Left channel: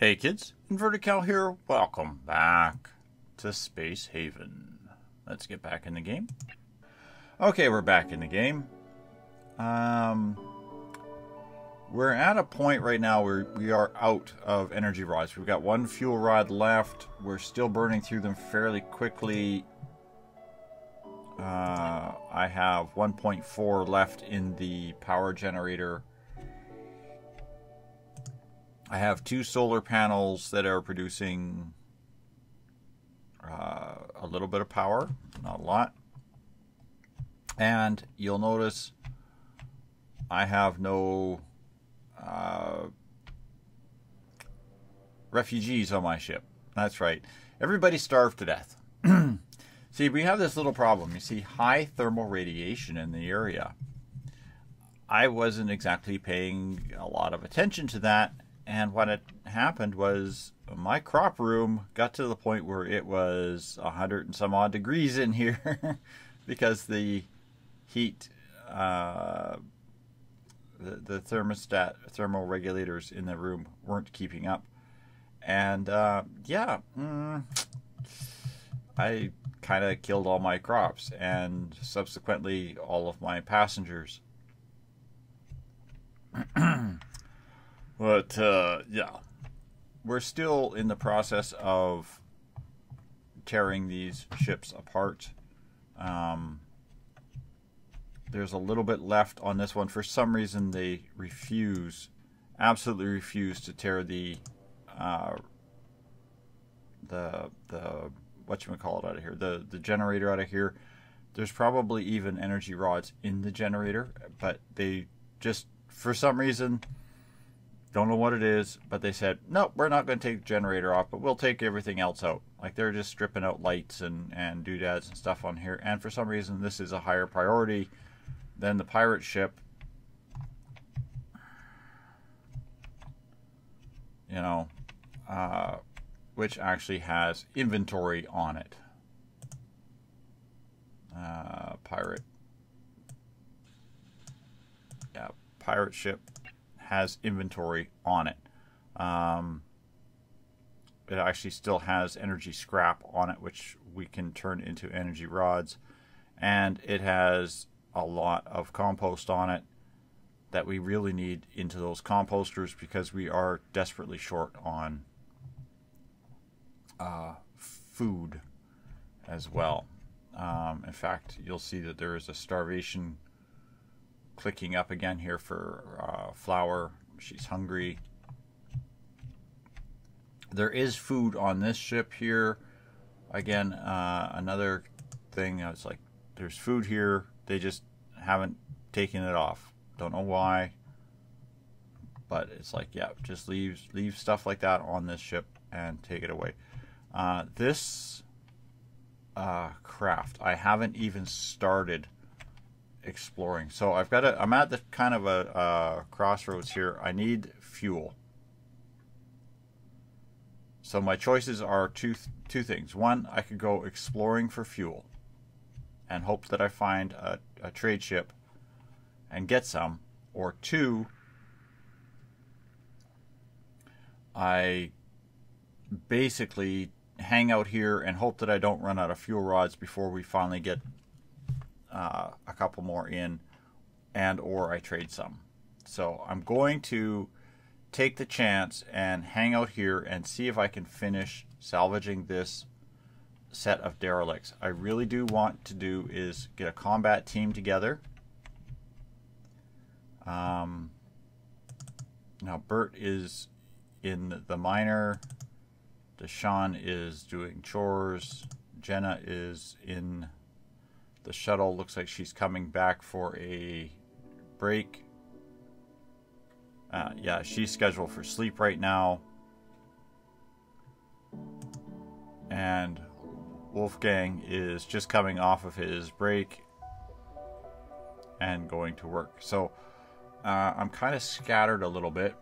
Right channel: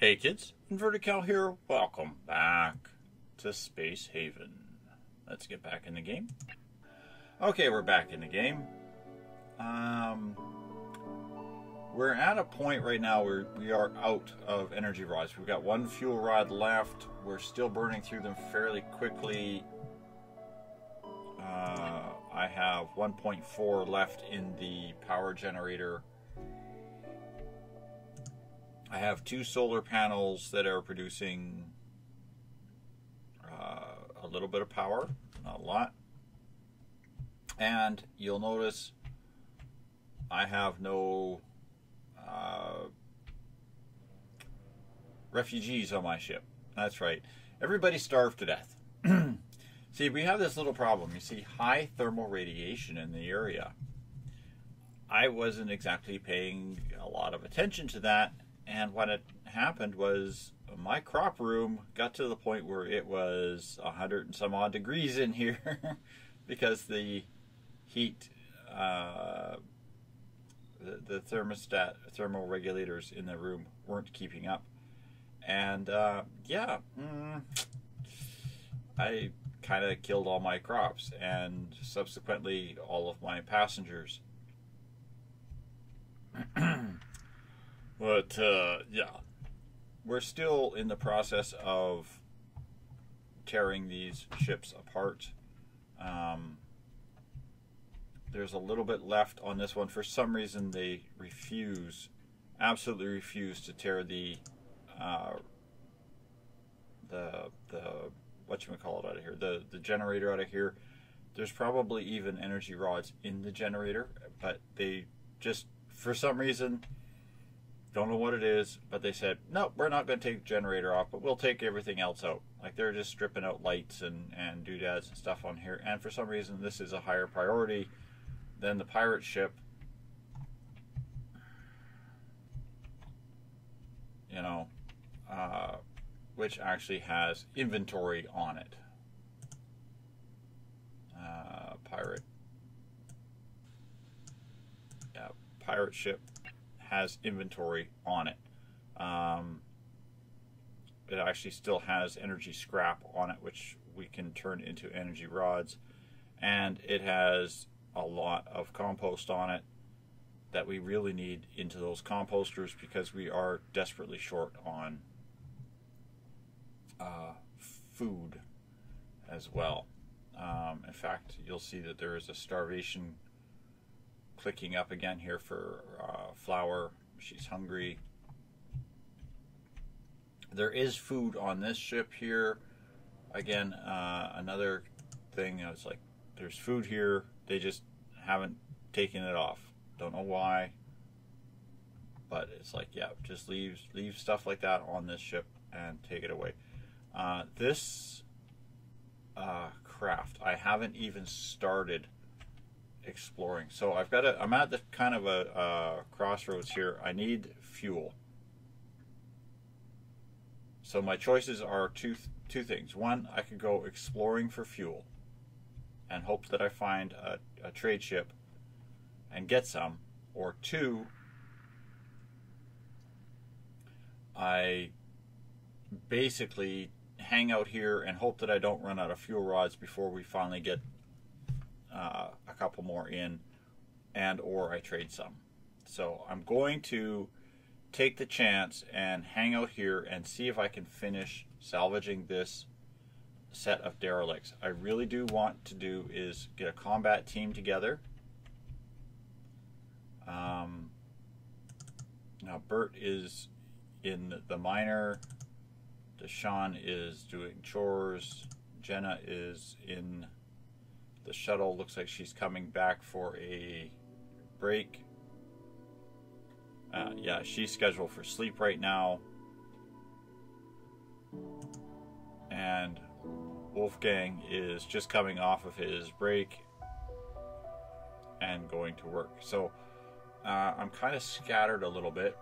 Hey kids, Invertical here. Welcome back to Space Haven. Let's get back in the game. Okay, we're back in the game. We're at a point right now where we are out of energy rods. We've got one fuel rod left. We're still burning through them fairly quickly. I have 1.4 left in the power generator. I have 2 solar panels that are producing a little bit of power, not a lot. And you'll notice I have no refugees on my ship. That's right. Everybody starved to death. See, we have this little problem. You see high thermal radiation in the area. I wasn't exactly paying a lot of attention to that. And what had happened was my crop room got to the point where it was 100 and some odd degrees in here because the heat, the thermostat, thermal regulators in the room weren't keeping up. And yeah, I kind of killed all my crops and subsequently all of my passengers. But, yeah, we're still in the process of tearing these ships apart. There's a little bit left on this one. For some reason, they absolutely refuse to tear the whatchamacallit out of here, the generator out of here. There's probably even energy rods in the generator, but they just, for some reason, don't know what it is, but they said, no, we're not going to take the generator off, but we'll take everything else out. Like, they're just stripping out lights and doodads and stuff on here. And for some reason, this is a higher priority than the pirate ship. You know, which actually has inventory on it. Pirate. Yeah, pirate ship has inventory on it. It actually still has energy scrap on it, which we can turn into energy rods. And it has a lot of compost on it that we really need into those composters because we are desperately short on food as well. In fact, you'll see that there is a starvation clicking up again here for Flower. She's hungry. There is food on this ship here. Again, another thing, it's like there's food here. They just haven't taken it off. Don't know why. But it's like, yeah, just leave stuff like that on this ship and take it away. This craft, I haven't even started exploring. So I'm at the kind of a crossroads here. I need fuel. So my choices are two things. One, I could go exploring for fuel and hope that I find a trade ship and get some. Or two, I basically hang out here and hope that I don't run out of fuel rods before we finally get a couple more in, and or I trade some. So I'm going to take the chance and hang out here and see if I can finish salvaging this set of derelicts. I really do want to do is get a combat team together. Now Bert is in the miner, Deshawn is doing chores, Jenna is in the shuttle. Looks like she's coming back for a break. Yeah, she's scheduled for sleep right now. And Wolfgang is just coming off of his break and going to work. So I'm kind of scattered a little bit.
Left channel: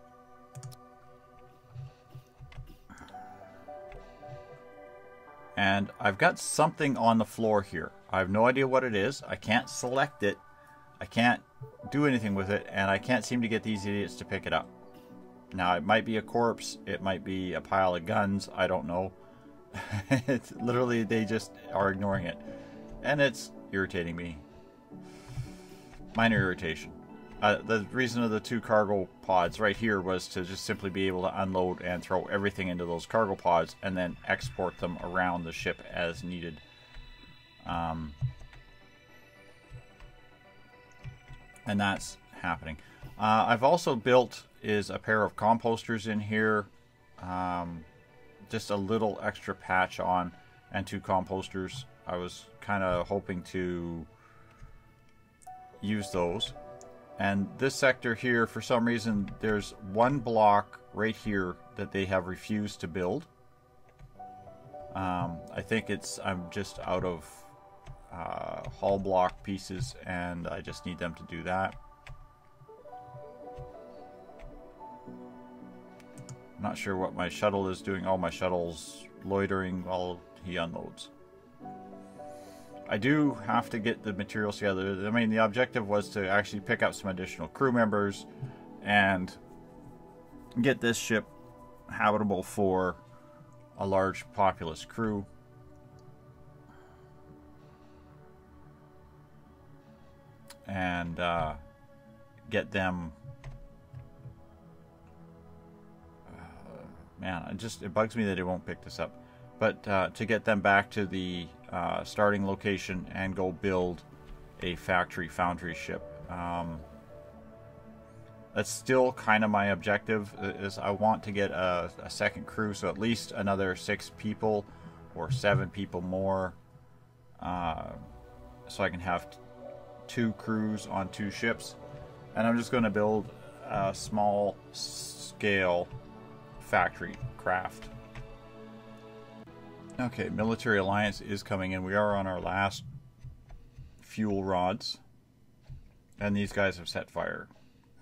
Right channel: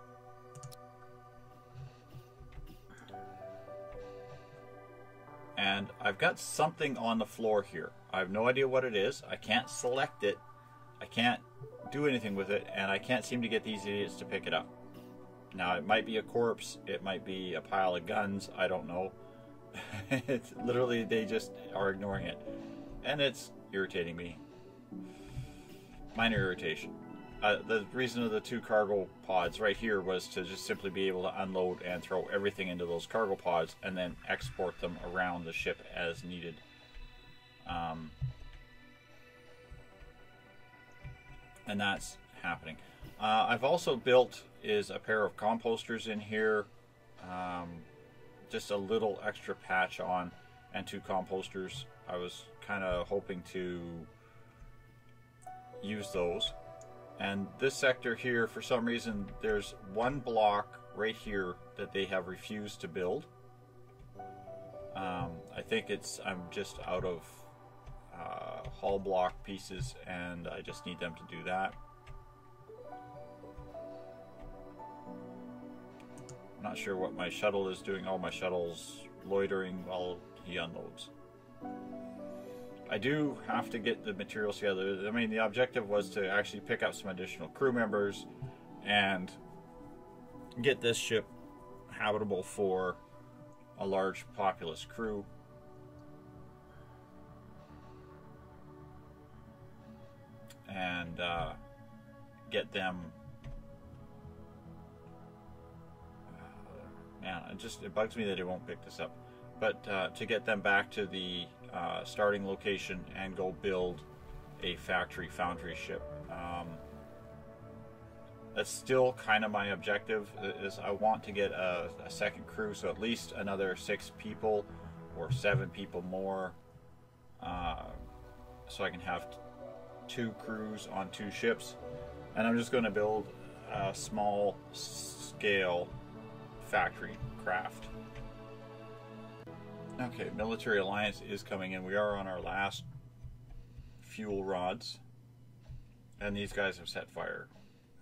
And I've got something on the floor here. I have no idea what it is. I can't select it. I can't do anything with it, and I can't seem to get these idiots to pick it up. Now, it might be a corpse, it might be a pile of guns, I don't know. It's literally, they just are ignoring it. And it's irritating me. Minor irritation. The reason of the 2 cargo pods right here was to just simply be able to unload and throw everything into those cargo pods and then export them around the ship as needed. And that's happening. I've also built is a pair of composters in here. Just a little extra patch on, and 2 composters. I was kind of hoping to use those. And this sector here, for some reason, there's 1 block right here that they have refused to build. I think I'm just out of hull block pieces, and I just need them to do that. I'm not sure what my shuttle is doing. Oh, my shuttle's loitering while he unloads. I do have to get the materials together. I mean, the objective was to actually pick up some additional crew members and get this ship habitable for a large populous crew. And get them... man, it bugs me that it won't pick this up. But to get them back to the starting location and go build a foundry ship. That's still kind of my objective. Is I want to get a second crew, so at least another 6 people or 7 people more, so I can have 2 crews on 2 ships. And I'm just going to build a small scale factory craft. Okay, Military Alliance is coming in. We are on our last fuel rods, and these guys have set fire.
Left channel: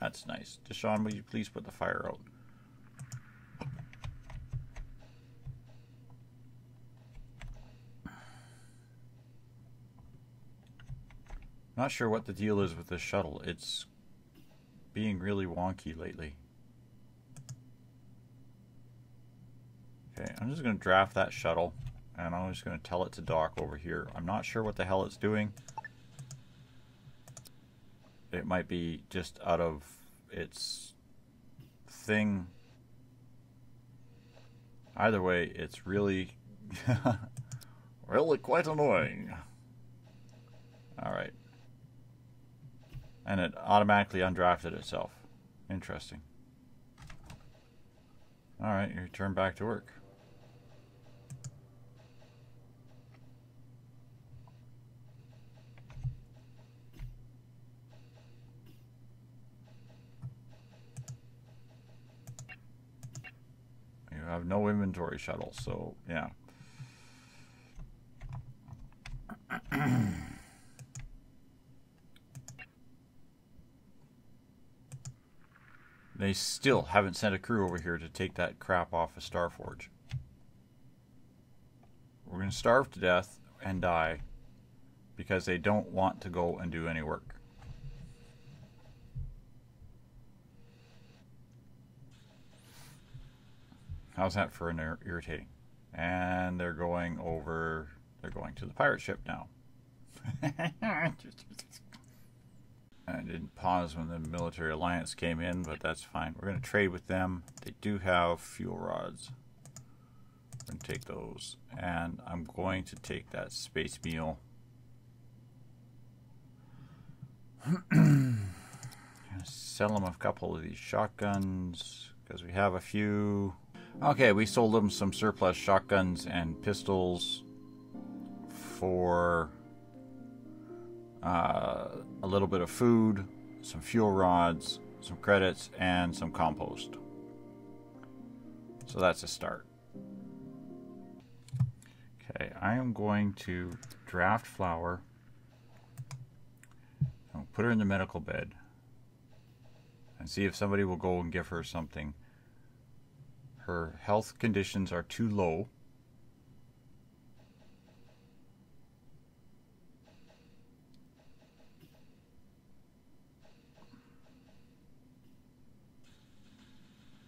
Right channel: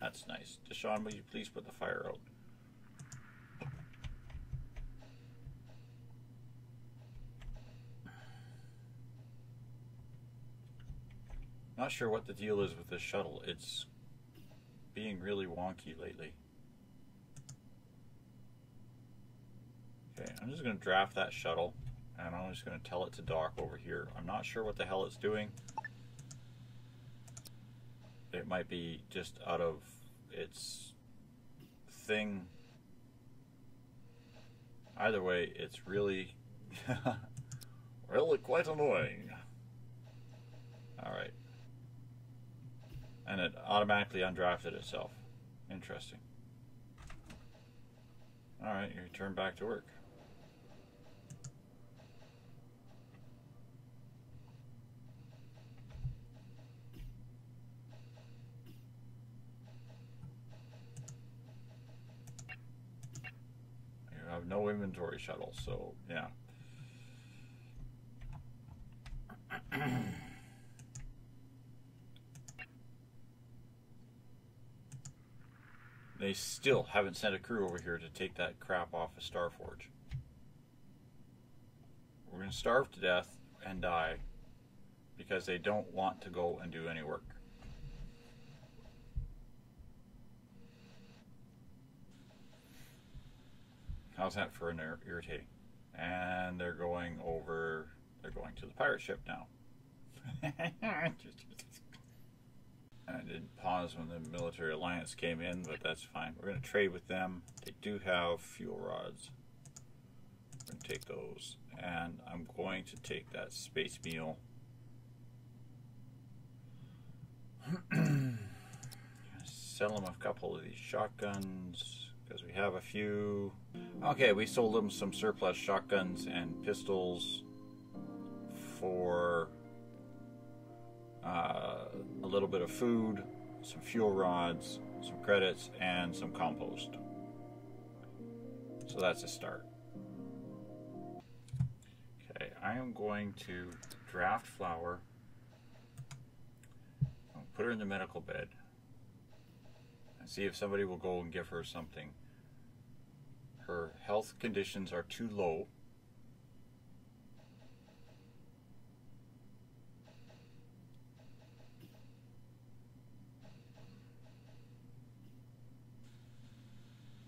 That's nice. Deshaun, will you please put the fire out? Not sure what the deal is with this shuttle. It's being really wonky lately. Okay, I'm just going to draft that shuttle, and I'm just going to tell it to dock over here. I'm not sure what the hell it's doing. It might be just out of its thing. Either way, it's really, really quite annoying. Alright. And it automatically undrafted itself. Interesting. Alright, you return back to work. You have no inventory shuttle, so yeah. They still haven't sent a crew over here to take that crap off of Starforge. We're going to starve to death and die because they don't want to go and do any work. How's that for an irritating? And they're going over, they're going to the pirate ship now. I didn't pause when the Military Alliance came in, but that's fine. We're going to trade with them. They do have fuel rods. I'm going to take those. And I'm going to take that space meal. Sell them a couple of these shotguns, because we have a few. Okay, we sold them some surplus shotguns and pistols for a little bit of food, some fuel rods, some credits, and some compost. So that's a start. Okay, I am going to draft Flower. I'll put her in the medical bed and see if somebody will go and give her something. Her health conditions are too low.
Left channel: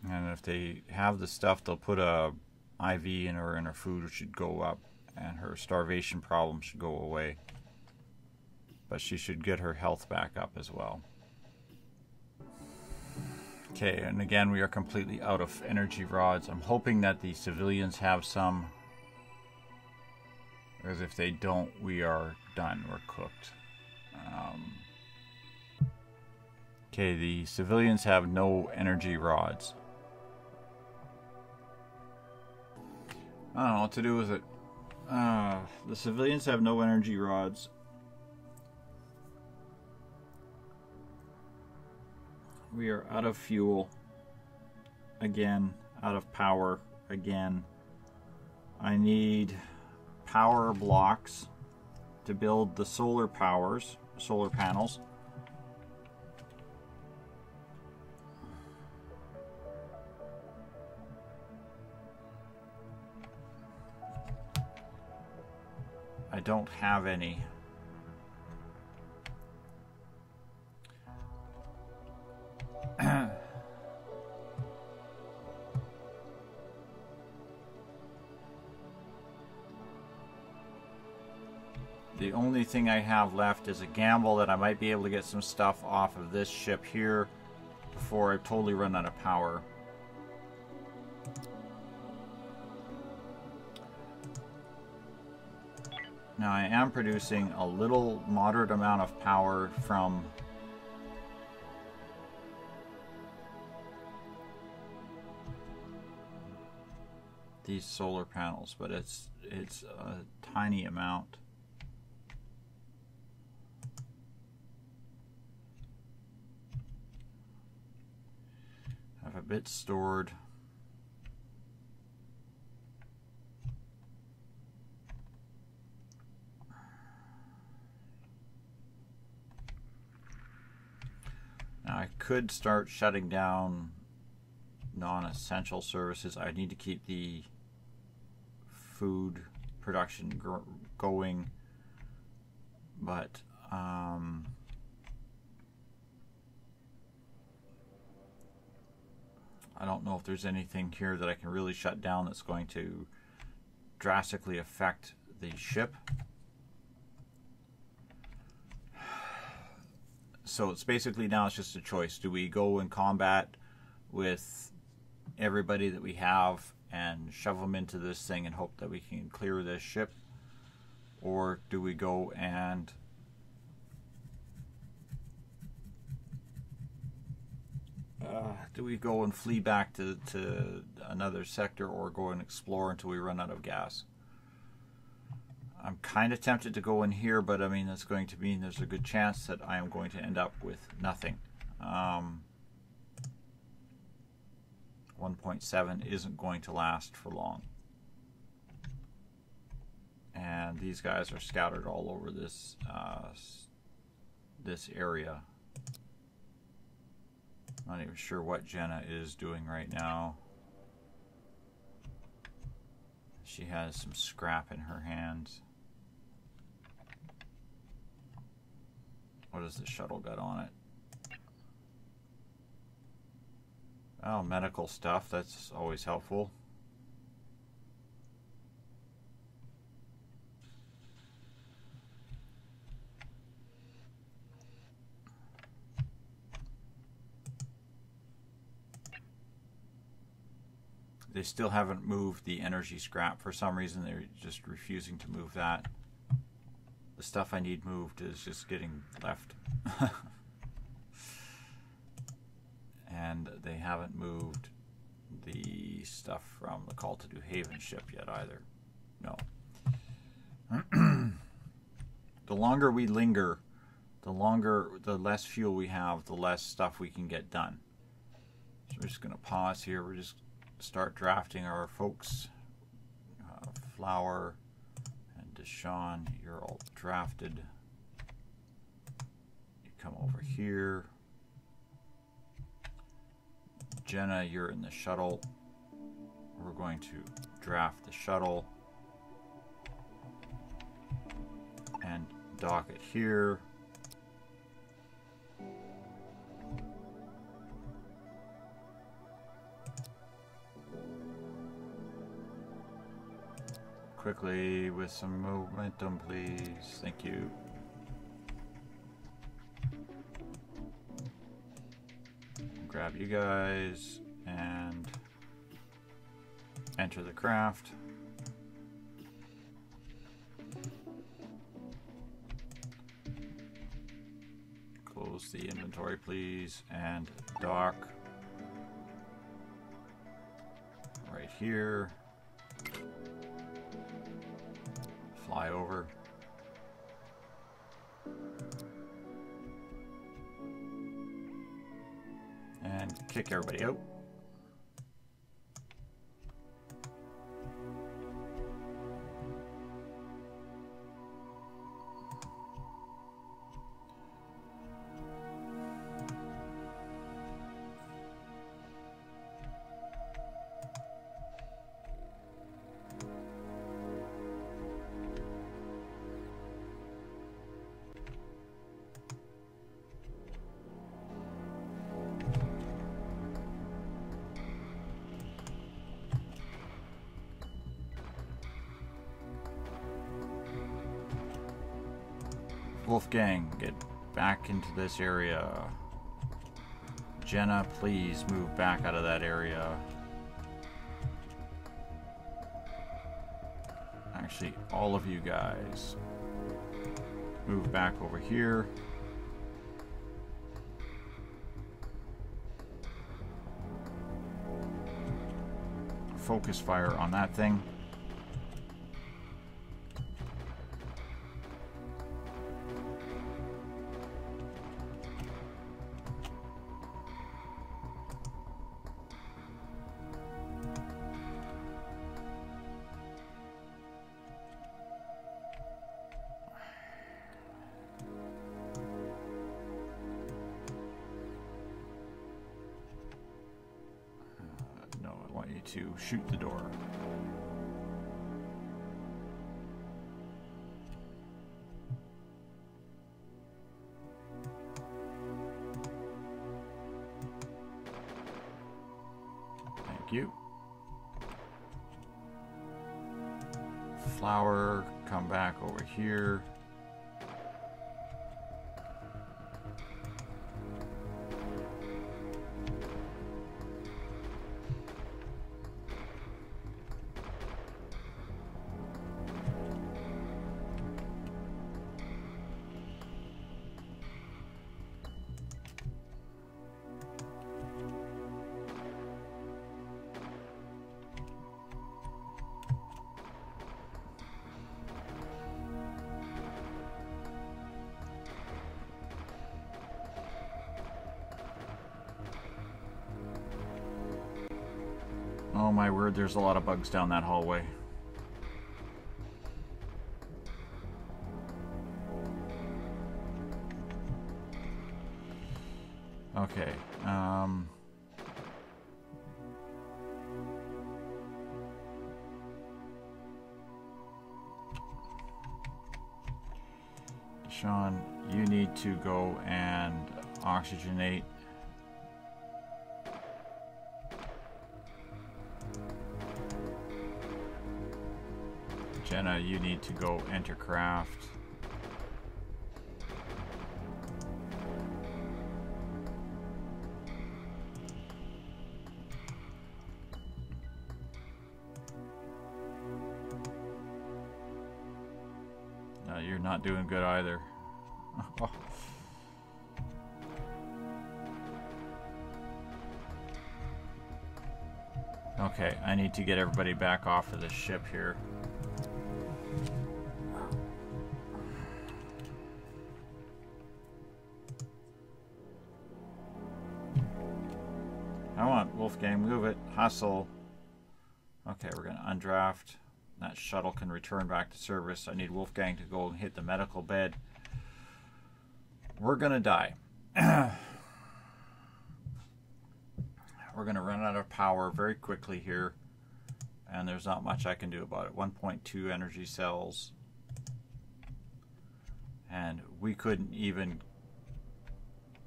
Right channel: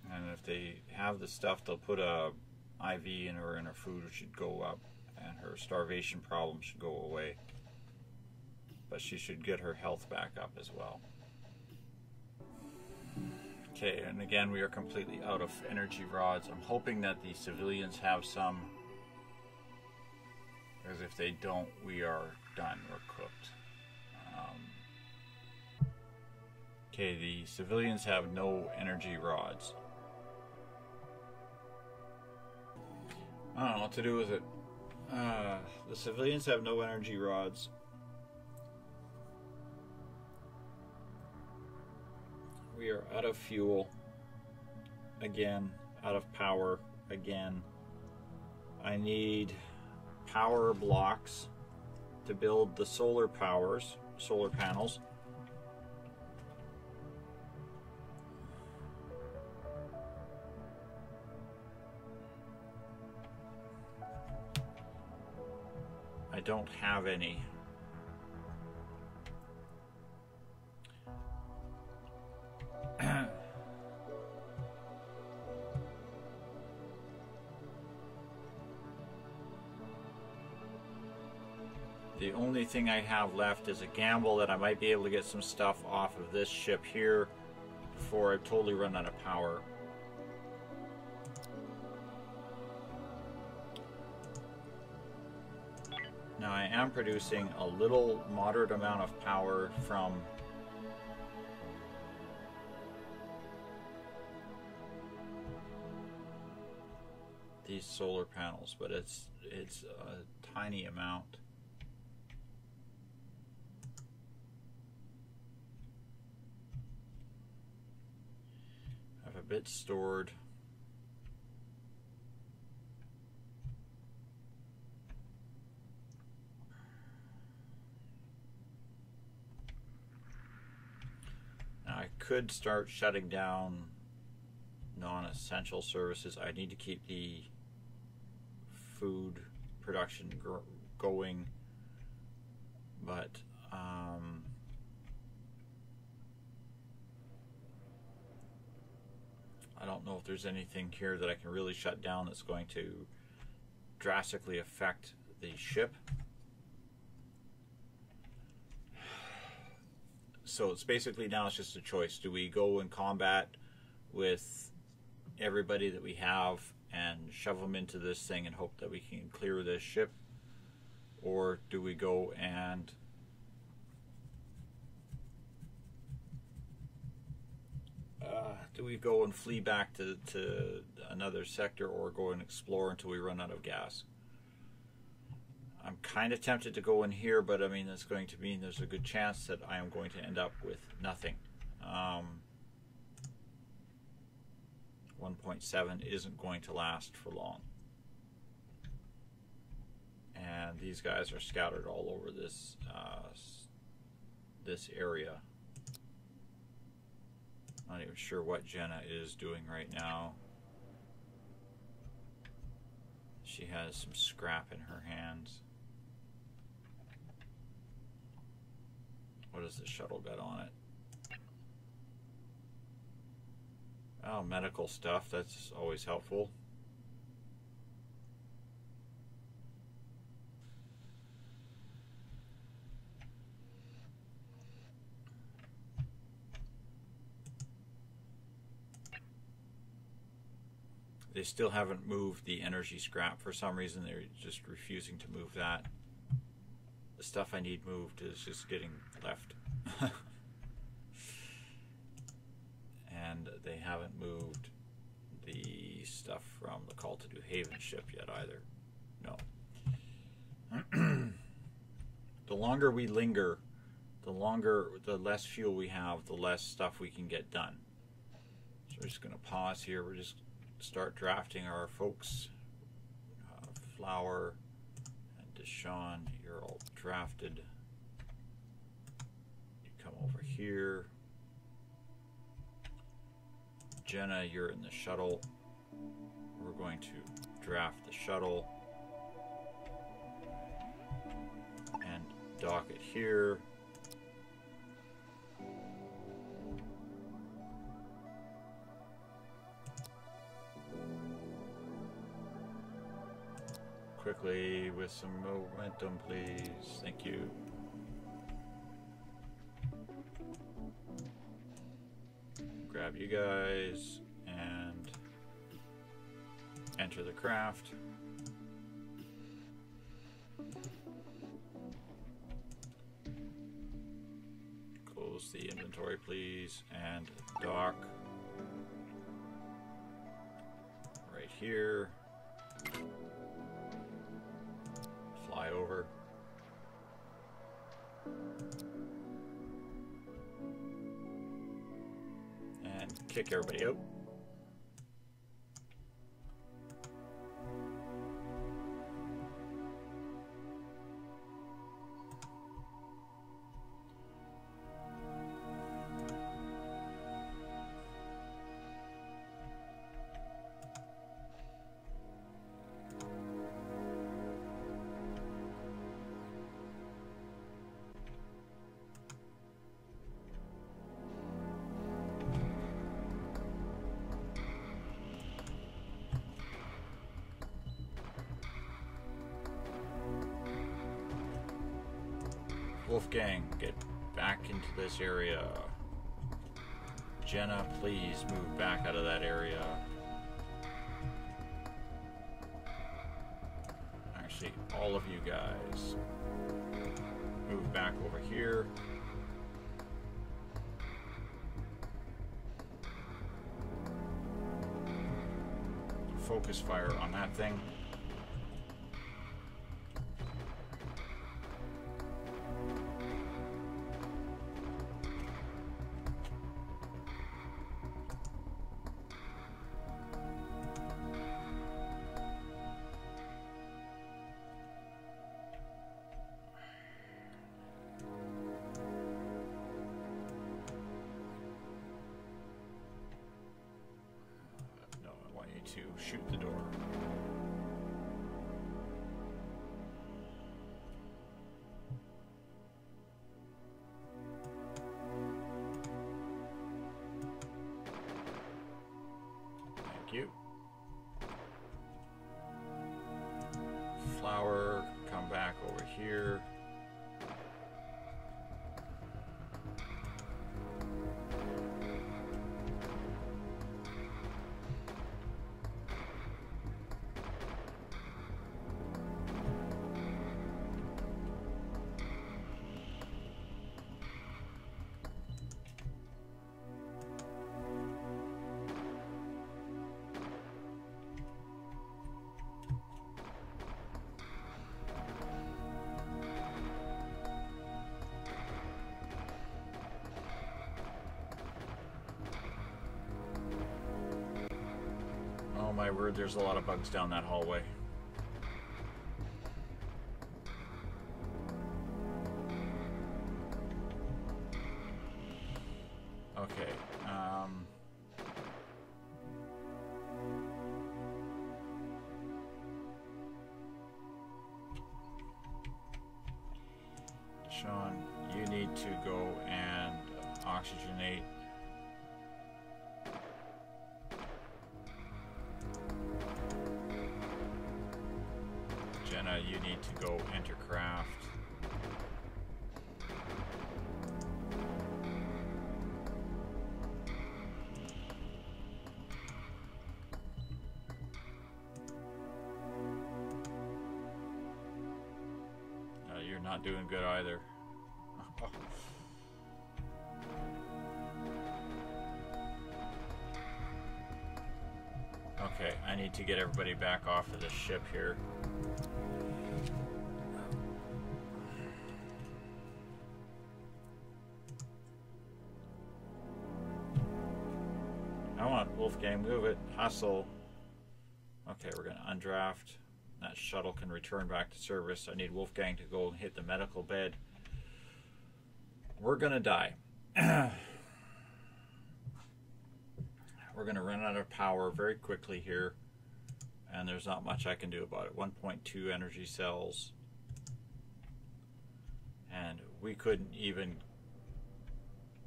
And they have the stuff, they'll put a IV in her and her food should go up and her starvation problem should go away. But she should get her health back up as well. Okay, and again we are completely out of energy rods. I'm hoping that the civilians have some, because if they don't, we are done. We're cooked. Okay, the civilians have no energy rods. I don't know what to do with it. The civilians have no energy rods. We are out of fuel. Again, out of power. Again. I need power blocks to build the solar panels. I don't have any. The only thing I have left is a gamble that I might be able to get some stuff off of this ship here before I totally run out of power. Now I am producing a little moderate amount of power from these solar panels, but it's a tiny amount. I have a bit stored. Now I could start shutting down non-essential services. I need to keep the food production going, but I don't know if there's anything here that I can really shut down that's going to drastically affect the ship. So it's basically now it's just a choice. Do we go in combat with everybody that we have and shove them into this thing and hope that we can clear this ship? Or do we go and flee back to another sector, or go and explore until we run out of gas? I'm kind of tempted to go in here, but I mean that's going to mean there's a good chance that I am going to end up with nothing. 1.7 isn't going to last for long. And these guys are scattered all over this this area. Not even sure what Jenna is doing right now. She has some scrap in her hands. What has the shuttle got on it? Oh, medical stuff. That's always helpful. They still haven't moved the energy scrap. For some reason, they're just refusing to move that. The stuff I need moved is just getting left. And they haven't moved the stuff from the Call to New Haven ship yet either. No. The longer we linger, the less fuel we have, the less stuff we can get done. So we're just going to pause here. We're just start drafting our folks. Flower and Deshawn, you're all drafted. You come over here. Jenna, you're in the shuttle. We're going to draft the shuttle and dock it here. quickly with some momentum, please. Thank you. Grab you guys and enter the craft. Close the inventory, please, and dock right here. Fly over. And kick everybody out. Wolfgang, get back into this area. Jenna, please move back out of that area. Actually, all of you guys, move back over here. Focus fire on that thing. To shoot the door. Thank you. Flower, come back over here. Oh my word, there's a lot of bugs down that hallway. Okay, Sean, you need to go and oxygenate. Jenna, you need to go enter craft. No, you're not doing good either. Okay, I need to get everybody back off of the ship here. Come on, Wolfgang, move it. Hustle. Okay, we're going to undraft. That shuttle can return back to service. I need Wolfgang to go and hit the medical bed. We're going to die. We're going to run out of power very quickly here. And there's not much I can do about it. 1.2 energy cells. And we couldn't even...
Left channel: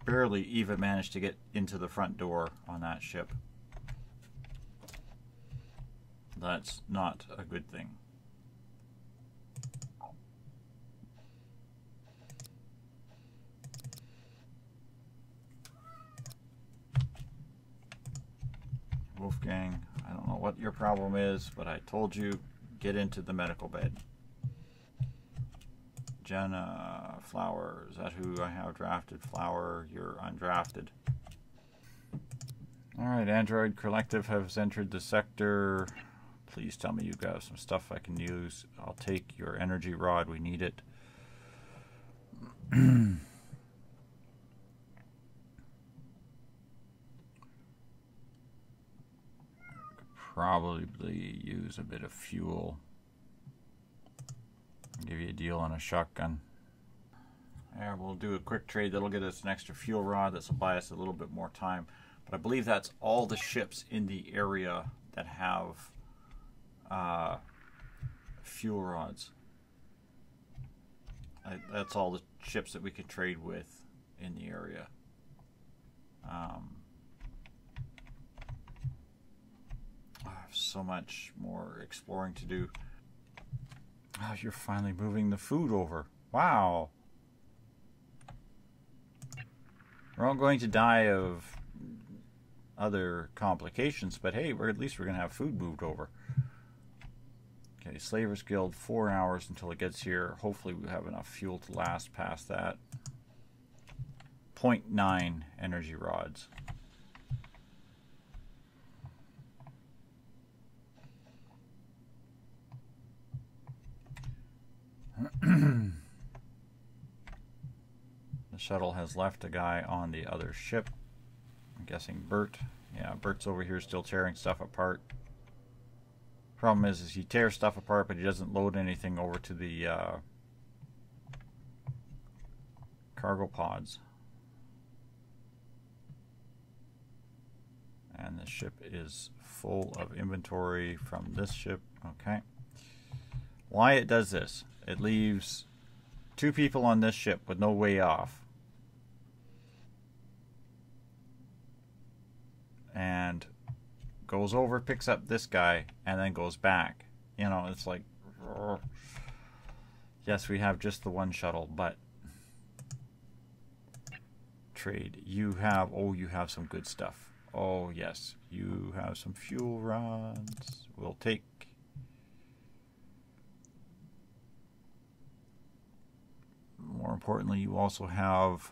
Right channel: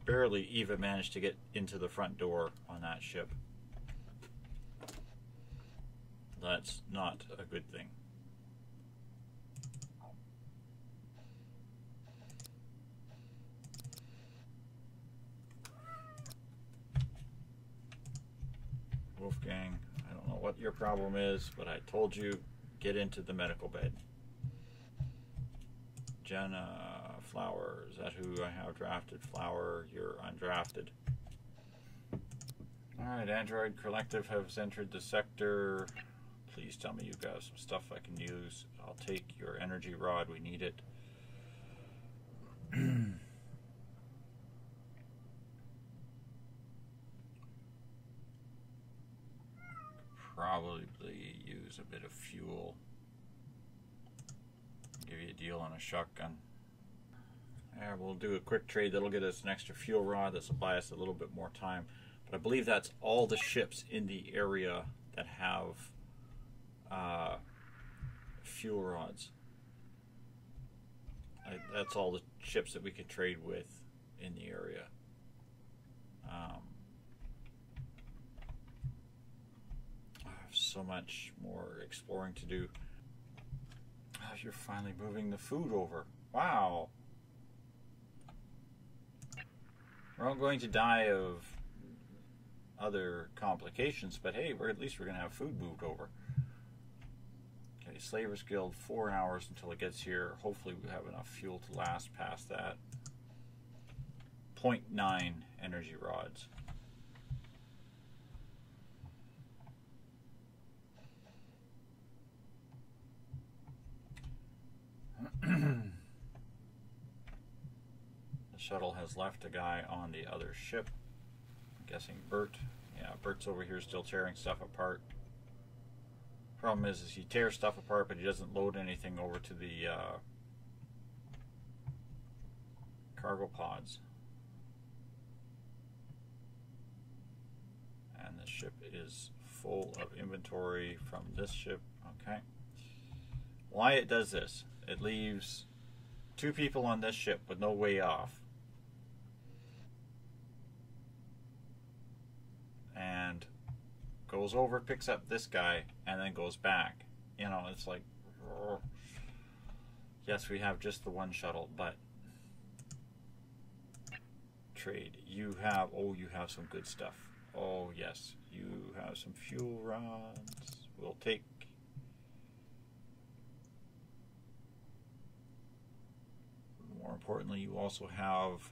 barely even managed to get into the front door on that ship. That's not a good thing. Wolfgang, I don't know what your problem is, but I told you, get into the medical bed. Jenna Flower, is that who I have drafted? Flower, you're undrafted. Alright, Android Collective has entered the sector. Please tell me you got some stuff I can use. I'll take your energy rod, we need it. Probably use a bit of fuel. Give you a deal on a shotgun. Yeah, we'll do a quick trade that'll get us an extra fuel rod. This will buy us a little bit more time. But I believe that's all the ships in the area that have fuel rods. That's all the ships that we can trade with in the area. I have so much more exploring to do. Oh, you're finally moving the food over. Wow. We're all going to die of other complications, but hey, at least we're going to have food moved over. Okay, Slavers Guild, 4 hours until it gets here. Hopefully we have enough fuel to last past that. 0.9 energy rods. The shuttle has left a guy on the other ship. I'm guessing Bert. Yeah, Bert's over here still tearing stuff apart. Problem is he tears stuff apart, but he doesn't load anything over to the cargo pods. And the ship is full of inventory from this ship. Okay. Why it does this? It leaves 2 people on this ship with no way off. And goes over, picks up this guy, and then goes back. You know, it's like, yes, we have just the one shuttle, but trade. You have, oh, you have some good stuff. Oh, yes, you have some fuel rods. We'll take. More importantly, you also have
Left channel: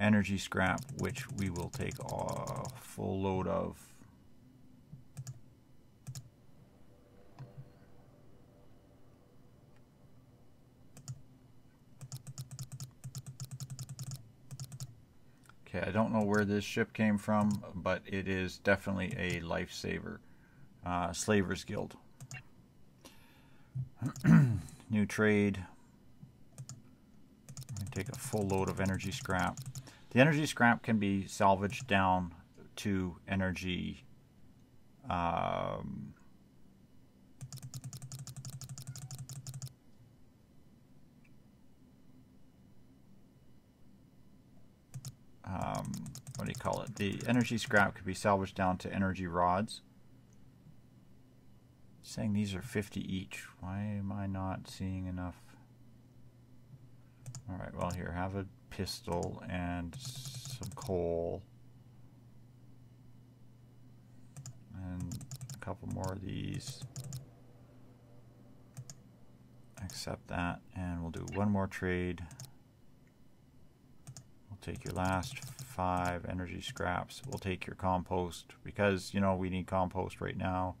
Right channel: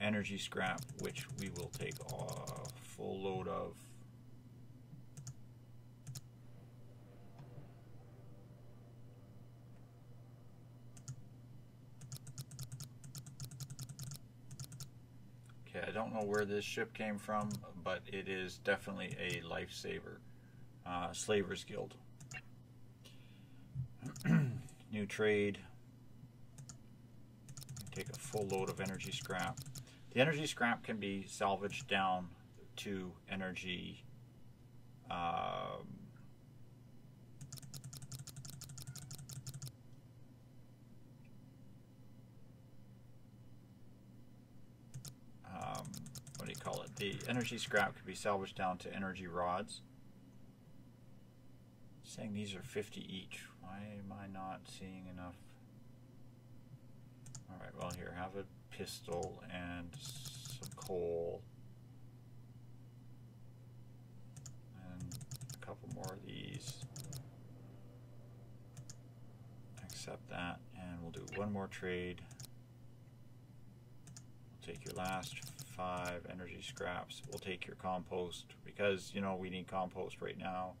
energy scrap, which we will take a full load of. Okay, I don't know where this ship came from, but it is definitely a lifesaver. Slavers Guild. New trade. Take a full load of energy scrap. The energy scrap can be salvaged down to energy what do you call it? The energy scrap could be salvaged down to energy rods. It's saying these are 50 each. Why am I not seeing enough? Alright, well here, have a pistol and some coal. And a couple more of these. Accept that, and we'll do one more trade. We'll take your last 5 energy scraps. We'll take your compost, because, you know, we need compost right now.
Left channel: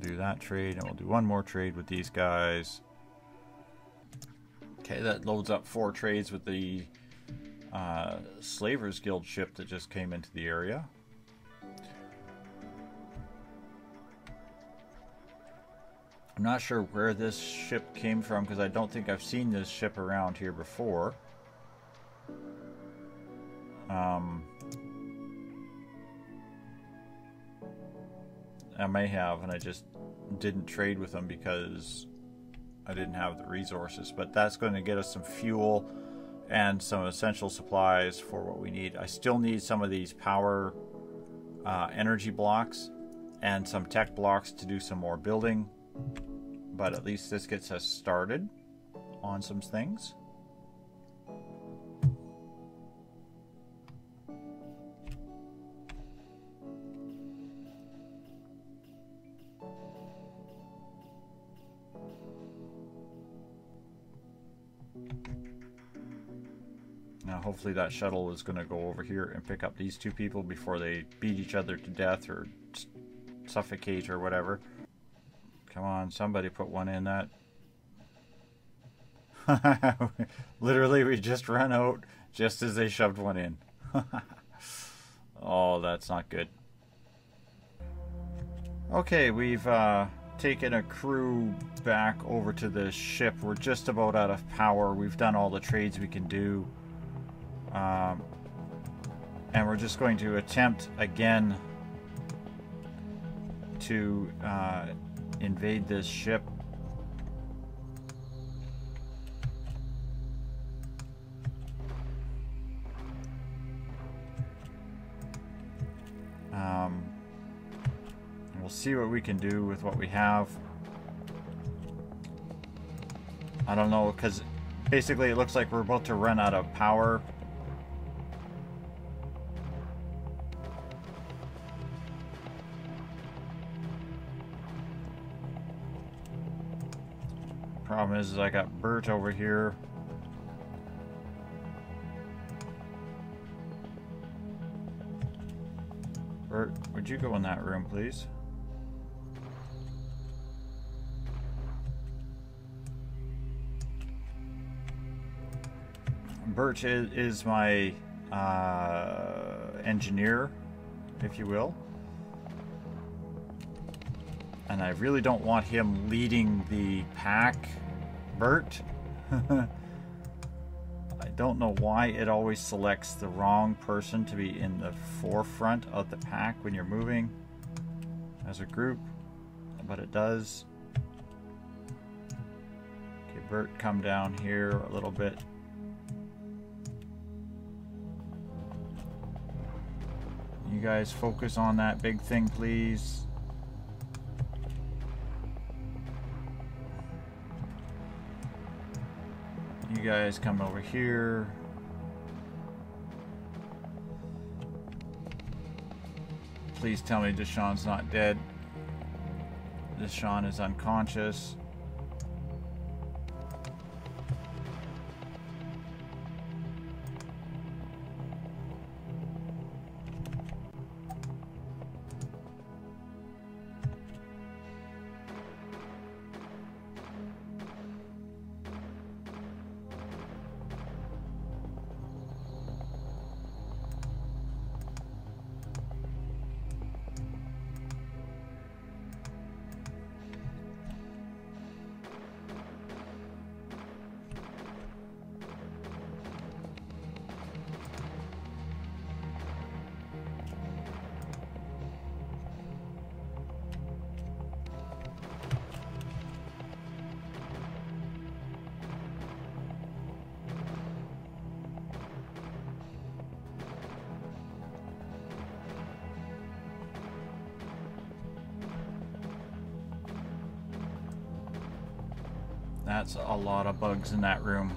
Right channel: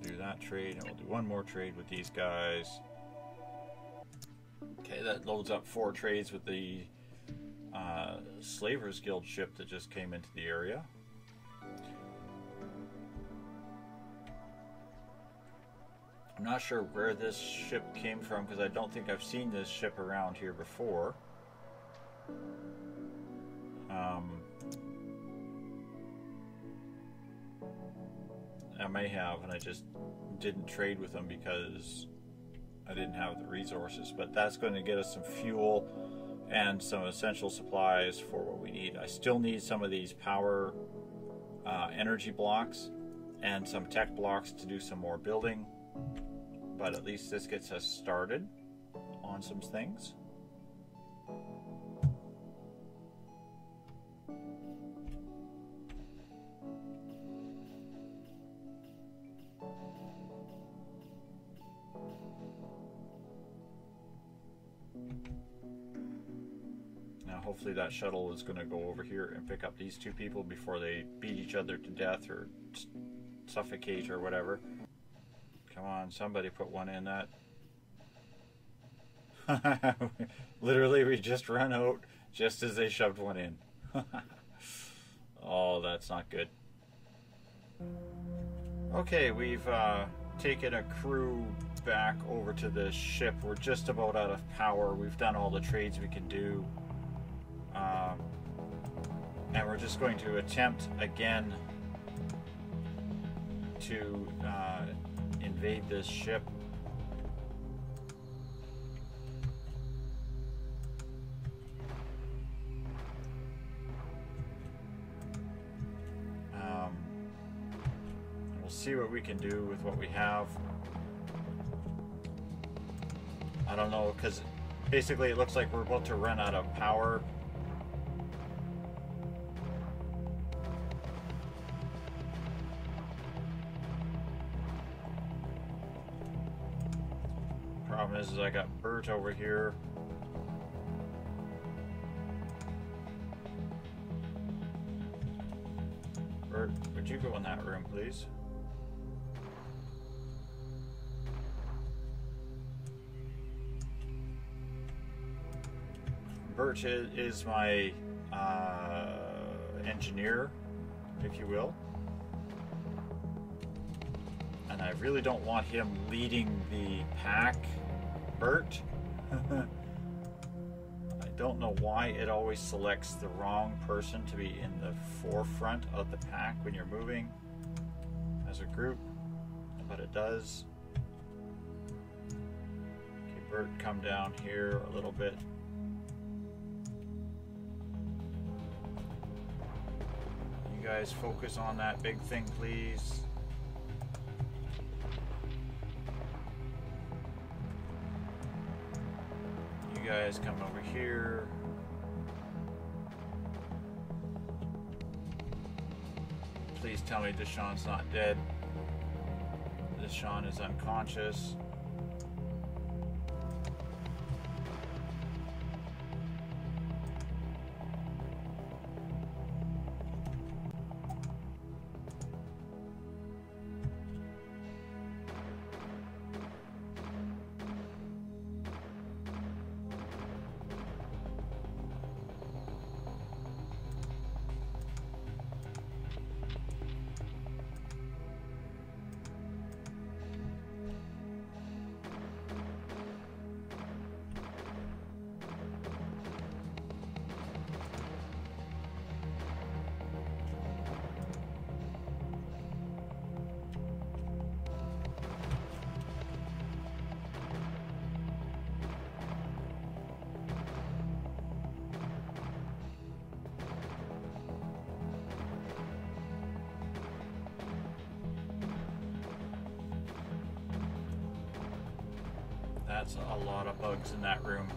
Do that trade, and we'll do one more trade with these guys. Okay, that loads up 4 trades with the Slavers Guild ship that just came into the area. I'm not sure where this ship came from, because I don't think I've seen this ship around here before. I may have, and I just didn't trade with them because I didn't have the resources. But that's going to get us some fuel and some essential supplies for what we need. I still need some of these power energy blocks, and some tech blocks to do some more building. But at least this gets us started on some things. Now hopefully that shuttle is going to go over here and pick up these two people before they beat each other to death or suffocate or whatever. Come on, somebody put one in that. Literally, we just ran out just as they shoved one in. Oh, that's not good. Okay, we've taken a crew back over to the ship. We're just about out of power. We've done all the trades we can do. And we're just going to attempt again to invade this ship. We'll see what we can do with what we have. I don't know, because basically it looks like we're about to run out of power. Problem is I got Bert over here. Bert, would you go in that room, please? Bert is my engineer, if you will. And I really don't want him leading the pack, Bert. I don't know why it always selects the wrong person to be in the forefront of the pack when you're moving as a group, but it does. Okay, Bert, come down here a little bit. You guys focus on that big thing, please. You guys come over here. Please tell me Deshawn's not dead. Deshawn is unconscious. That's a lot of bugs in that room.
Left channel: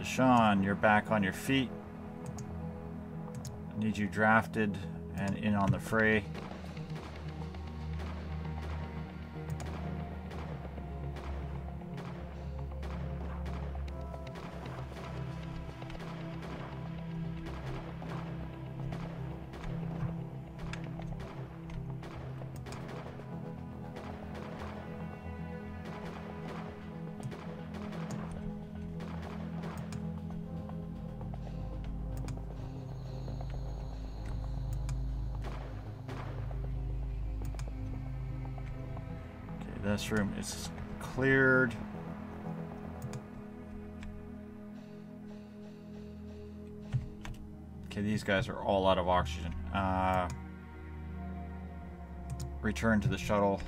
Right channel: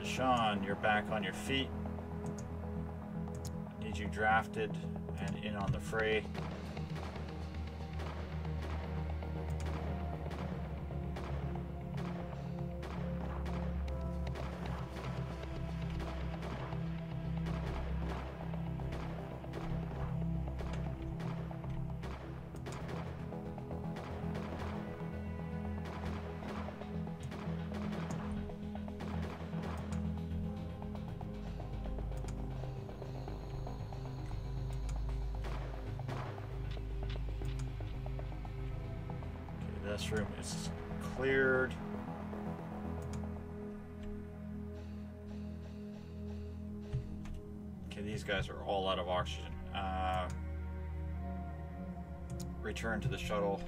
Deshawn, you're back on your feet. I need you drafted and in on the fray. This room is cleared. Okay, these guys are all out of oxygen. Return to the shuttle.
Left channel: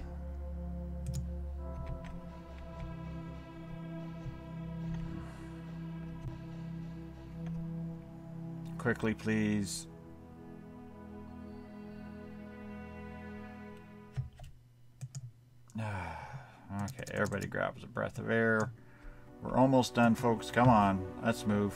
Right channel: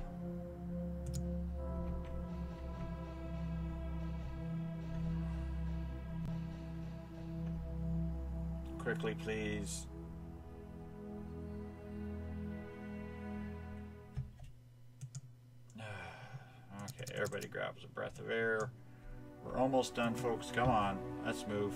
quickly, please. Okay, everybody grabs a breath of air. We're almost done, folks. Come on, let's move.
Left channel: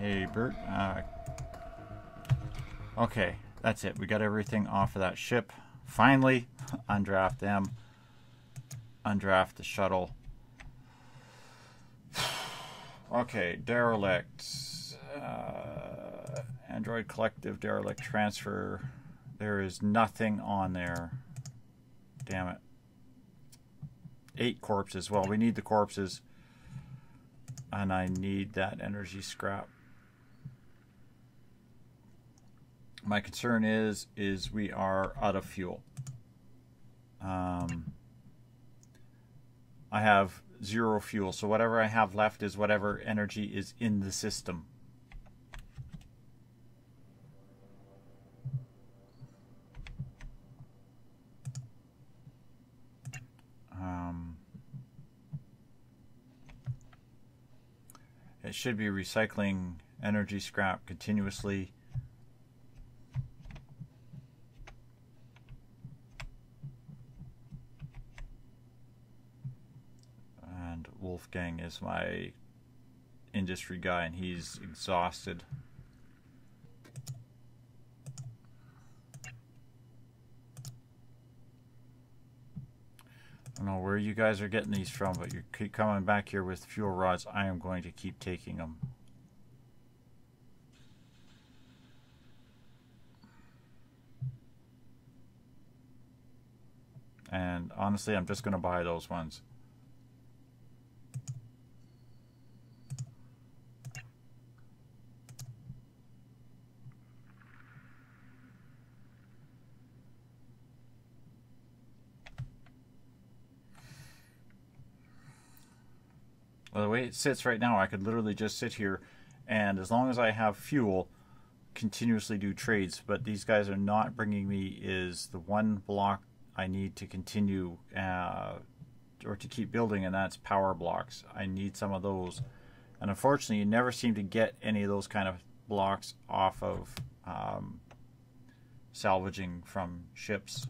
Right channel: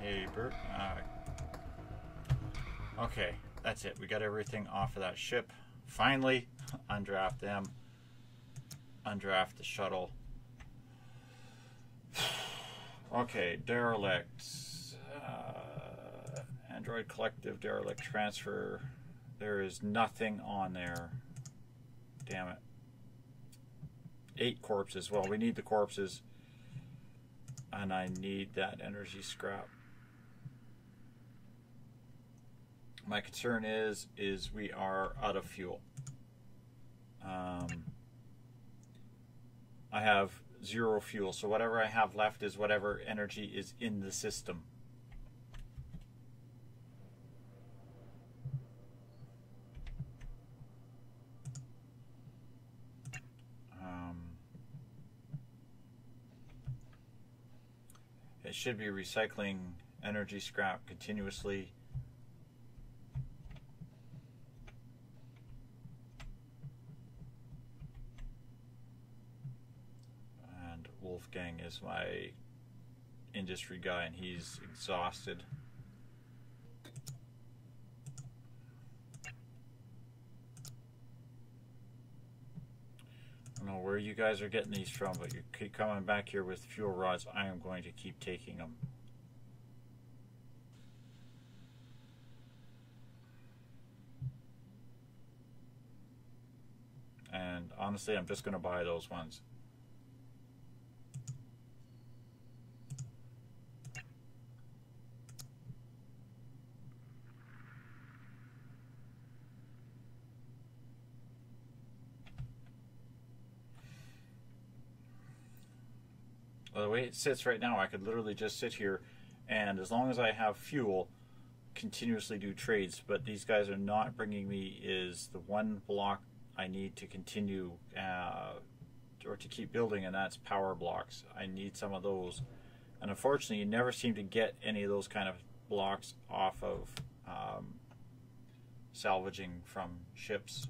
Hey, Bert. Okay, that's it. We got everything off of that ship. Finally, undraft them. Undraft the shuttle. Okay, derelict. Android collective derelict transfer. There is nothing on there. Damn it. 8 corpses. Well, we need the corpses. And I need that energy scrap. My concern is we are out of fuel. I have 0 fuel, so whatever I have left is whatever energy is in the system. It should be recycling energy scrap continuously. And Wolfgang is my industry guy, and he's exhausted. I don't know where you guys are getting these from, but you keep coming back here with fuel rods. I am going to keep taking them. And honestly, I'm just going to buy those ones. Well, the way it sits right now, I could literally just sit here and as long as I have fuel, continuously do trades. But these guys are not bringing me is the one block I need to continue or to keep building, and that's power blocks. I need some of those. And unfortunately, you never seem to get any of those kind of blocks off of salvaging from ships.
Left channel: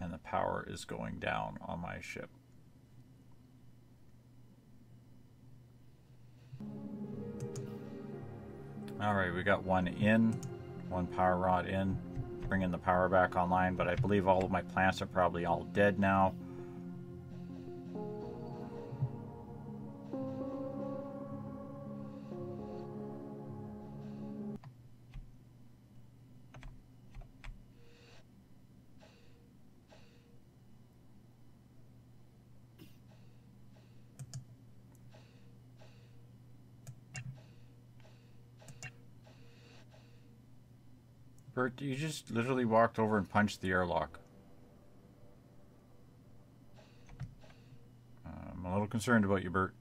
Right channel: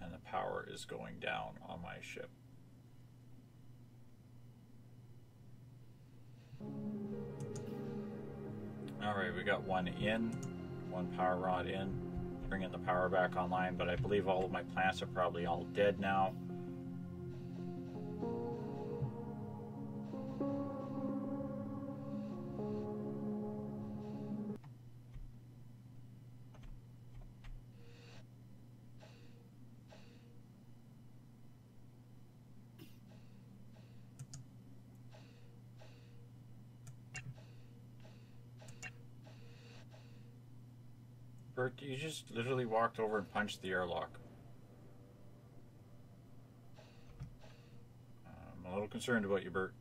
And the power is going down on my ship. Alright, we got one in, one power rod in, bringing the power back online, but I believe all of my plants are probably all dead now. Bert, you just literally walked over and punched the airlock. I'm a little concerned about you, Bert.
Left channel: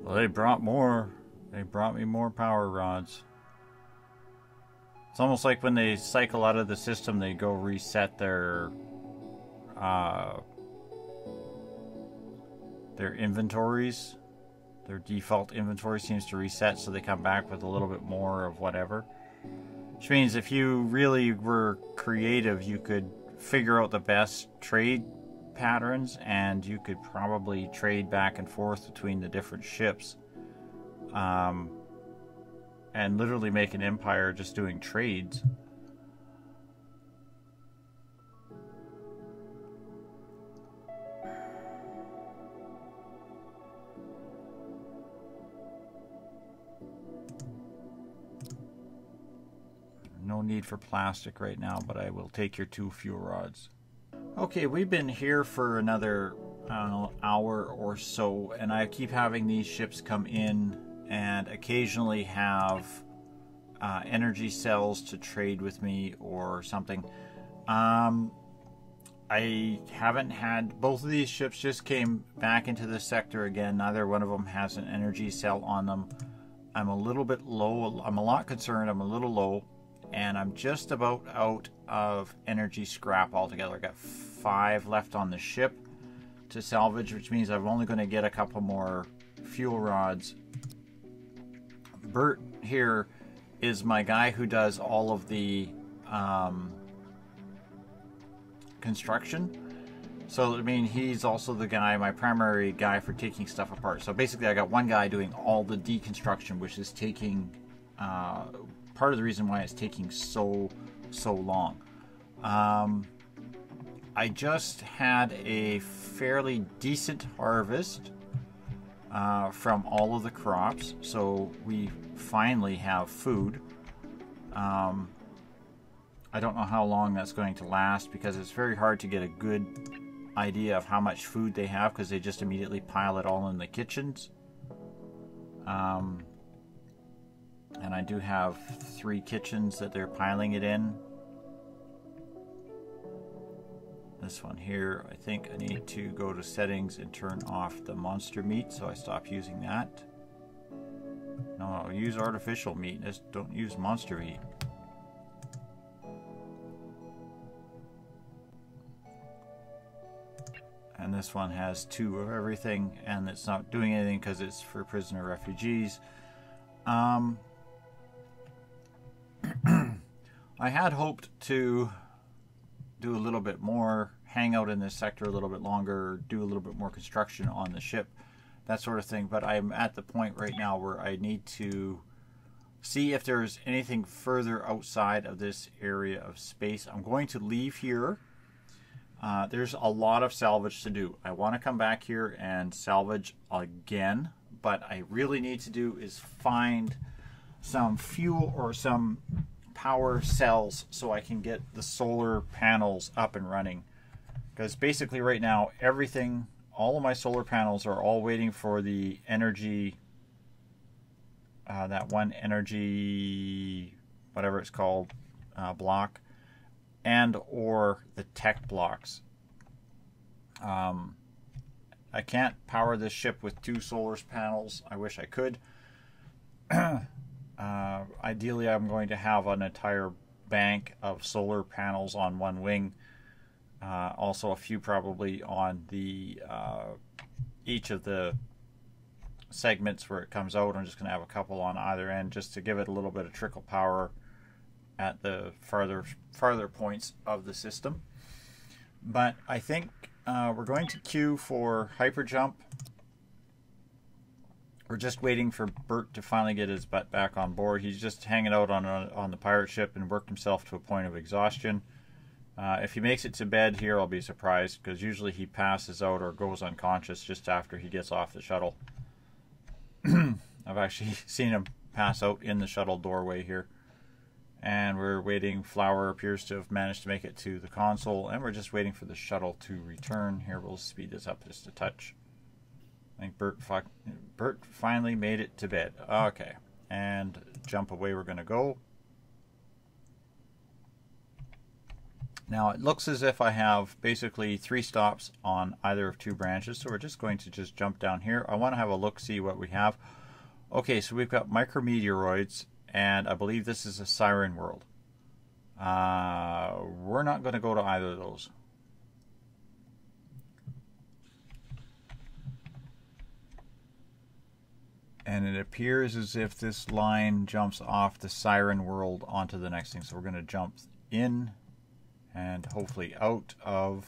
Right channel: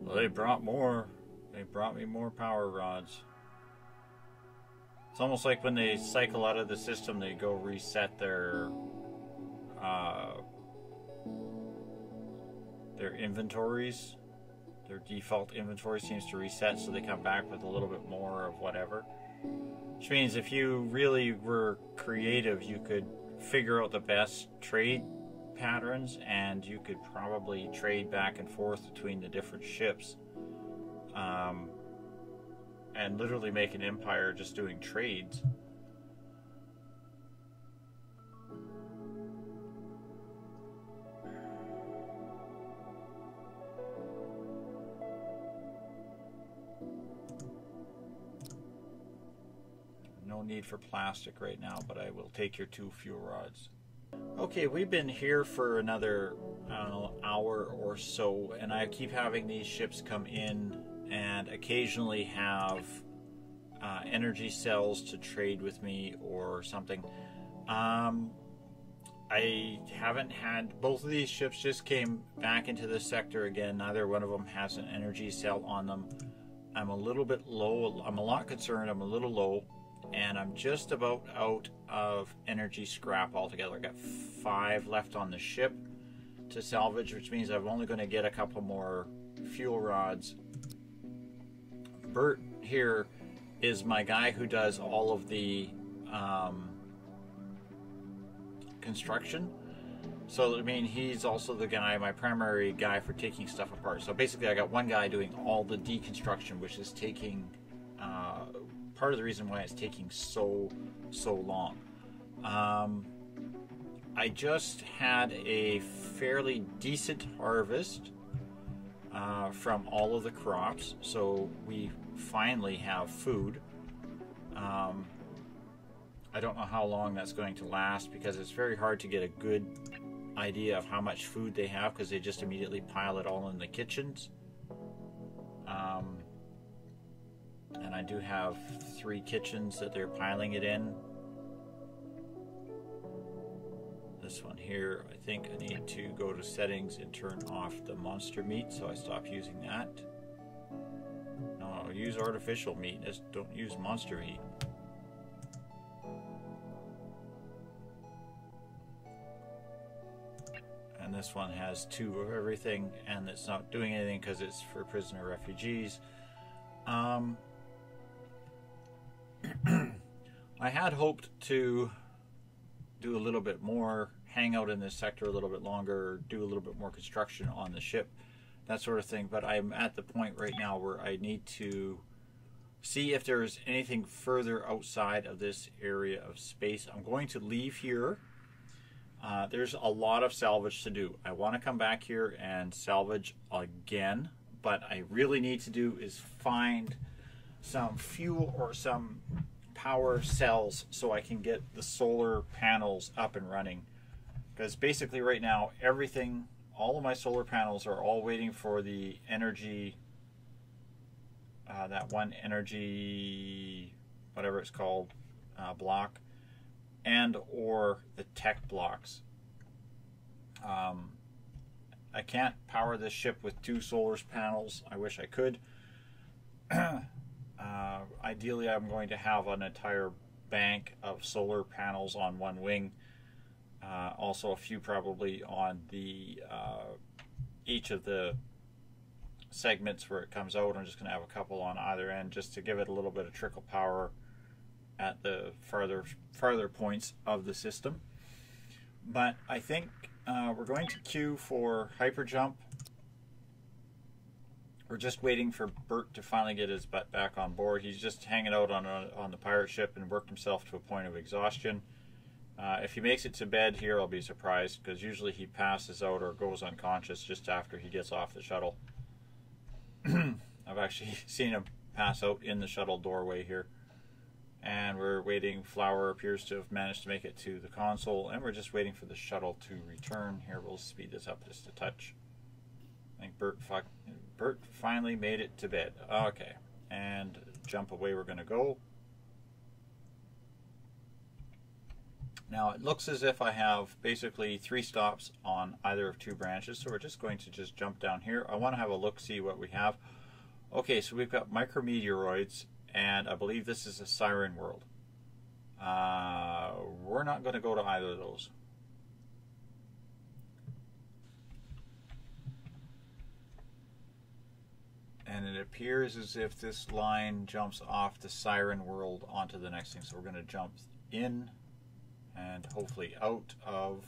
Well, they brought more. They brought me more power rods. It's almost like when they cycle out of the system, they go reset their inventories. Their default inventory seems to reset, so they come back with a little bit more of whatever. Which means if you really were creative, you could figure out the best trade patterns, and you could probably trade back and forth between the different ships, and literally make an empire just doing trades. No need for plastic right now, but I will take your 2 fuel rods. Okay, we've been here for another, I don't know, hour or so, and I keep having these ships come in and occasionally have energy cells to trade with me or something. I haven't had, both of these ships just came back into the sector again. Neither one of them has an energy cell on them. I'm a little bit low. I'm a lot concerned. I'm a little low. And I'm just about out of energy scrap altogether. I got 5 left on the ship to salvage, which means I'm only going to get a couple more fuel rods. Bert here is my guy who does all of the construction. So I mean, he's also the guy, my primary guy for taking stuff apart. So basically I got one guy doing all the deconstruction, which is taking part of the reason why it's taking so long. I just had a fairly decent harvest from all of the crops, so we finally have food. I don't know how long that's going to last, because it's very hard to get a good idea of how much food they have, because they just immediately pile it all in the kitchens. And I do have 3 kitchens that they're piling it in. This one here, I think I need to go to settings and turn off the monster meat, so I stop using that. No, use artificial meat, just don't use monster meat. And this one has 2 of everything, and it's not doing anything because it's for prisoner refugees. I had hoped to do a little bit more, hang out in this sector a little bit longer, do a little bit more construction on the ship, that sort of thing, but I'm at the point right now where I need to see if there's anything further outside of this area of space. I'm going to leave here. There's a lot of salvage to do. I want to come back here and salvage again, but I really need to do is find some fuel or some power cells so I can get the solar panels up and running. Because basically right now everything, all of my solar panels are all waiting for the energy, that one energy, whatever it's called, block, and or the tech blocks. I can't power this ship with 2 solar panels. I wish I could. Ideally, I'm going to have an entire bank of solar panels on one wing. Also, a few probably on the each of the segments where it comes out. I'm just going to have a couple on either end, just to give it a little bit of trickle power at the farther points of the system. But I think we're going to queue for hyper jump. We're just waiting for Bert to finally get his butt back on board. He's just hanging out on the pirate ship and worked himself to a point of exhaustion. If he makes it to bed here, I'll be surprised, because usually he passes out or goes unconscious just after he gets off the shuttle. I've actually seen him pass out in the shuttle doorway here. And we're waiting. Flower appears to have managed to make it to the console, and we're just waiting for the shuttle to return. Here, we'll speed this up just a touch. I think Bert finally made it to bed. Okay, and jump away we're going to go. Now it looks as if I have basically 3 stops on either of 2 branches, so we're just going to just jump down here. I want to have a look, see what we have. Okay, so we've got micrometeoroids, and I believe this is a siren world. We're not going to go to either of those. And it appears as if this line jumps off the siren world onto the next thing. So we're going to jump in and hopefully out of.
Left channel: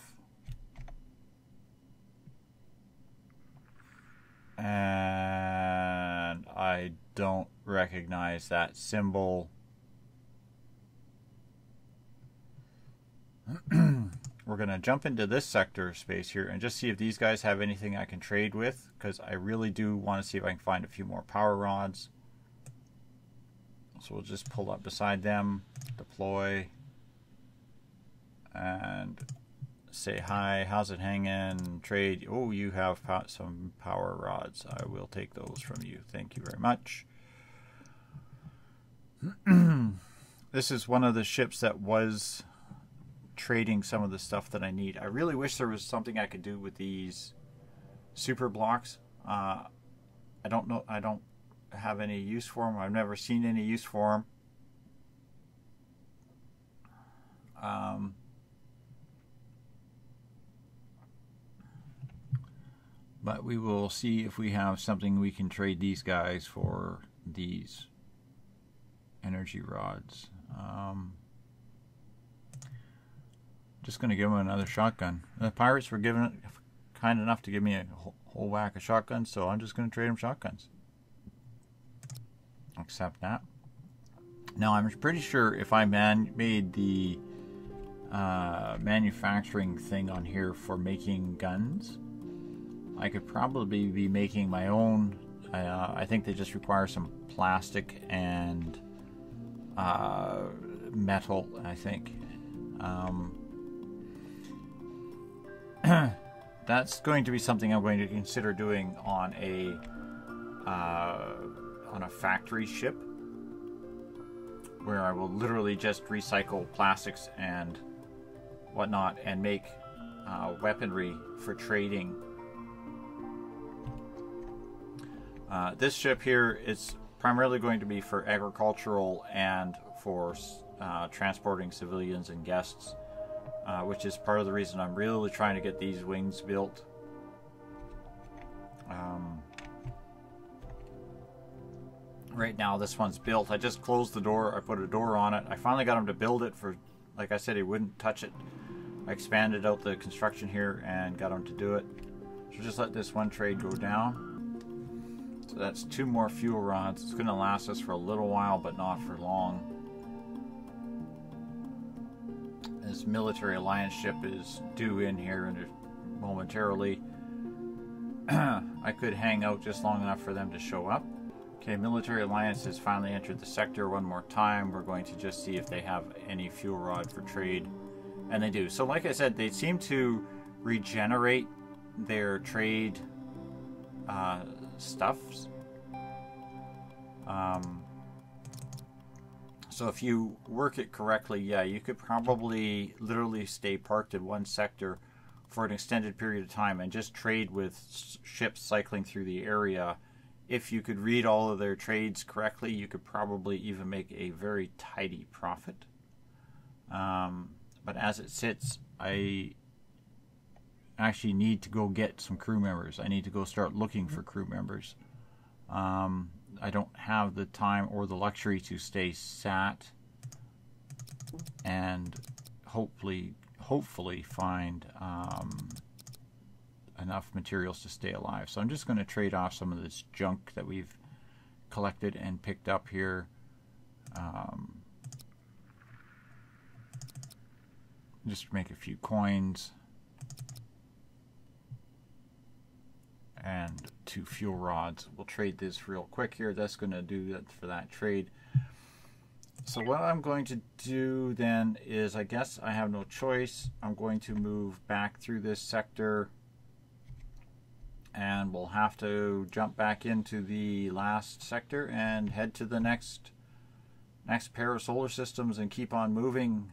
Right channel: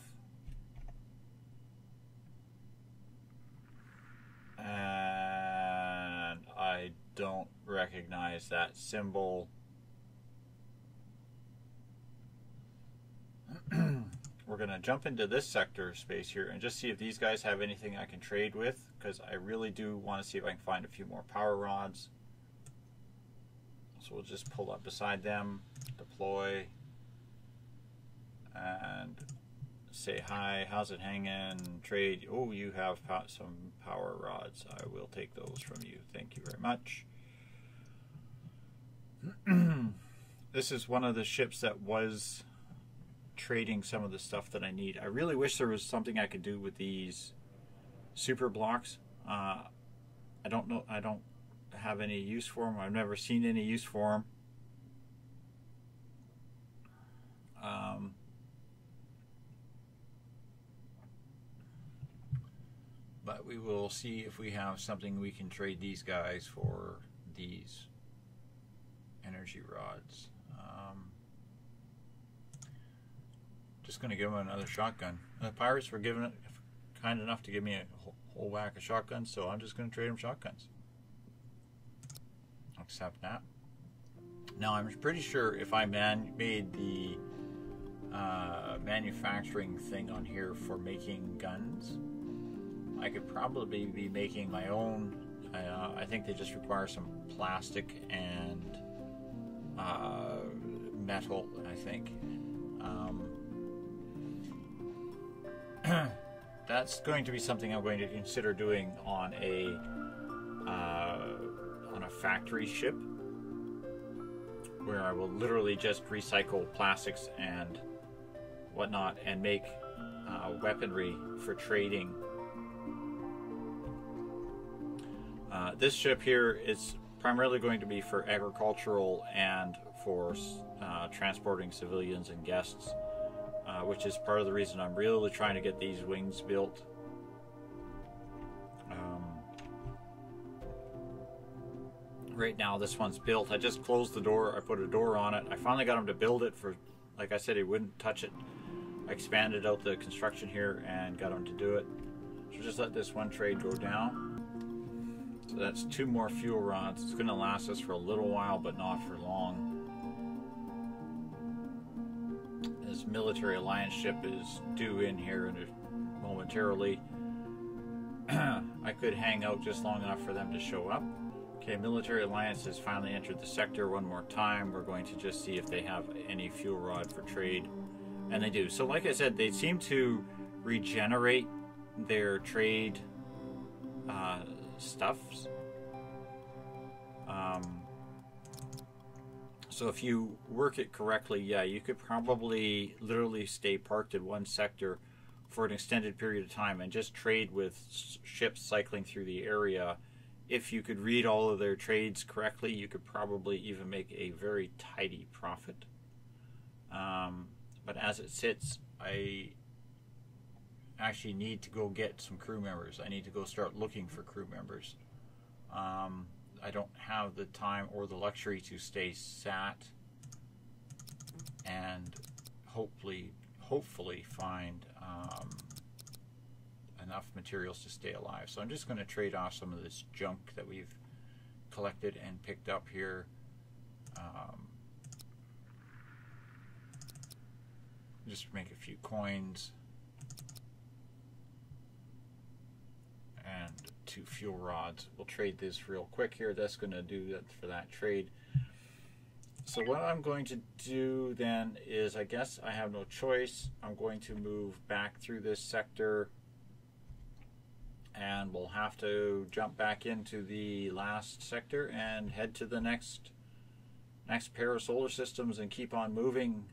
And I don't recognize that symbol. We're going to jump into this sector space here and just see if these guys have anything I can trade with, because I really do want to see if I can find a few more power rods. So we'll just pull up beside them, deploy, and say hi, how's it hanging, trade. Oh, you have some power rods. I will take those from you. Thank you very much. This is one of the ships that was trading some of the stuff that I need. I really wish there was something I could do with these super blocks. I don't know. I don't have any use for them. I've never seen any use for them. But we will see if we have something we can trade these guys for these energy rods. Just going to give them another shotgun. The pirates were kind enough to give me a whole whack of shotguns, so I'm just going to trade them shotguns. Accept that. Now, I'm pretty sure if I made the manufacturing thing on here for making guns, I could probably be making my own. I think they just require some plastic and metal, I think. That's going to be something I'm going to consider doing on a factory ship, where I will literally just recycle plastics and whatnot and make weaponry for trading. This ship here is primarily going to be for agricultural and for transporting civilians and guests, which is part of the reason I'm really trying to get these wings built. Right now this one's built. I just closed the door. I put a door on it. I finally got him to build it. For, like I said, he wouldn't touch it. I expanded out the construction here and got him to do it. So just let this one trade go down. So that's 2 more fuel rods. It's going to last us for a little while, but not for long. This military alliance ship is due in here momentarily. I could hang out just long enough for them to show up. Okay, military alliance has finally entered the sector one more time. We're going to just see if they have any fuel rod for trade. And they do. So like I said, they seem to regenerate their trade stuffs. So if you work it correctly, yeah, you could probably literally stay parked in one sector for an extended period of time and just trade with ships cycling through the area. If you could read all of their trades correctly, you could probably even make a very tidy profit. But as it sits, I actually need to go get some crew members. I need to go start looking for crew members. I don't have the time or the luxury to stay sat and hopefully find enough materials to stay alive. So I'm just going to trade off some of this junk that we've collected and picked up here. Just make a few coins and 2 fuel rods. We'll trade this real quick here. That's going to do that for that trade. So what I'm going to do then is, I guess I have no choice. I'm going to move back through this sector, and we'll have to jump back into the last sector and head to the next pair of solar systems and keep on moving.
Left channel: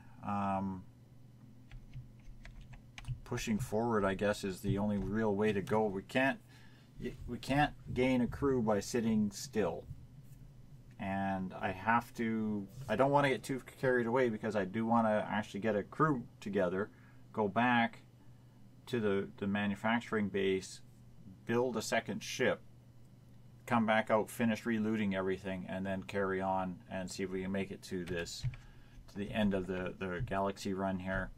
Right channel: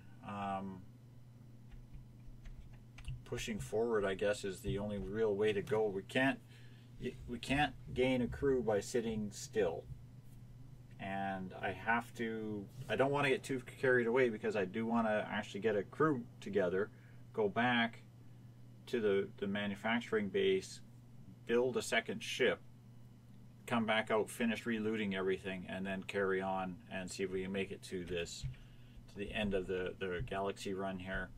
Pushing forward, I guess, is the only real way to go. We can't gain a crew by sitting still, and I don't want to get too carried away, because I do want to actually get a crew together, go back to the manufacturing base, build a second ship, come back out, finish relooting everything, and then carry on and see if we can make it to the end of the galaxy run here.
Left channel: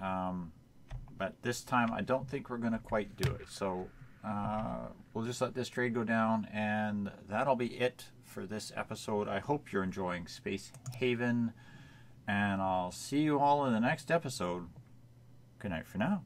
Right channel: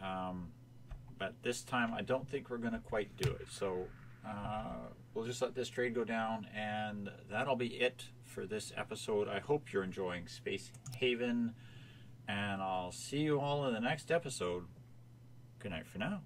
But this time I don't think we're going to quite do it. So we'll just let this trade go down, and that'll be it for this episode. I hope you're enjoying Space Haven, and I'll see you all in the next episode. Good night for now.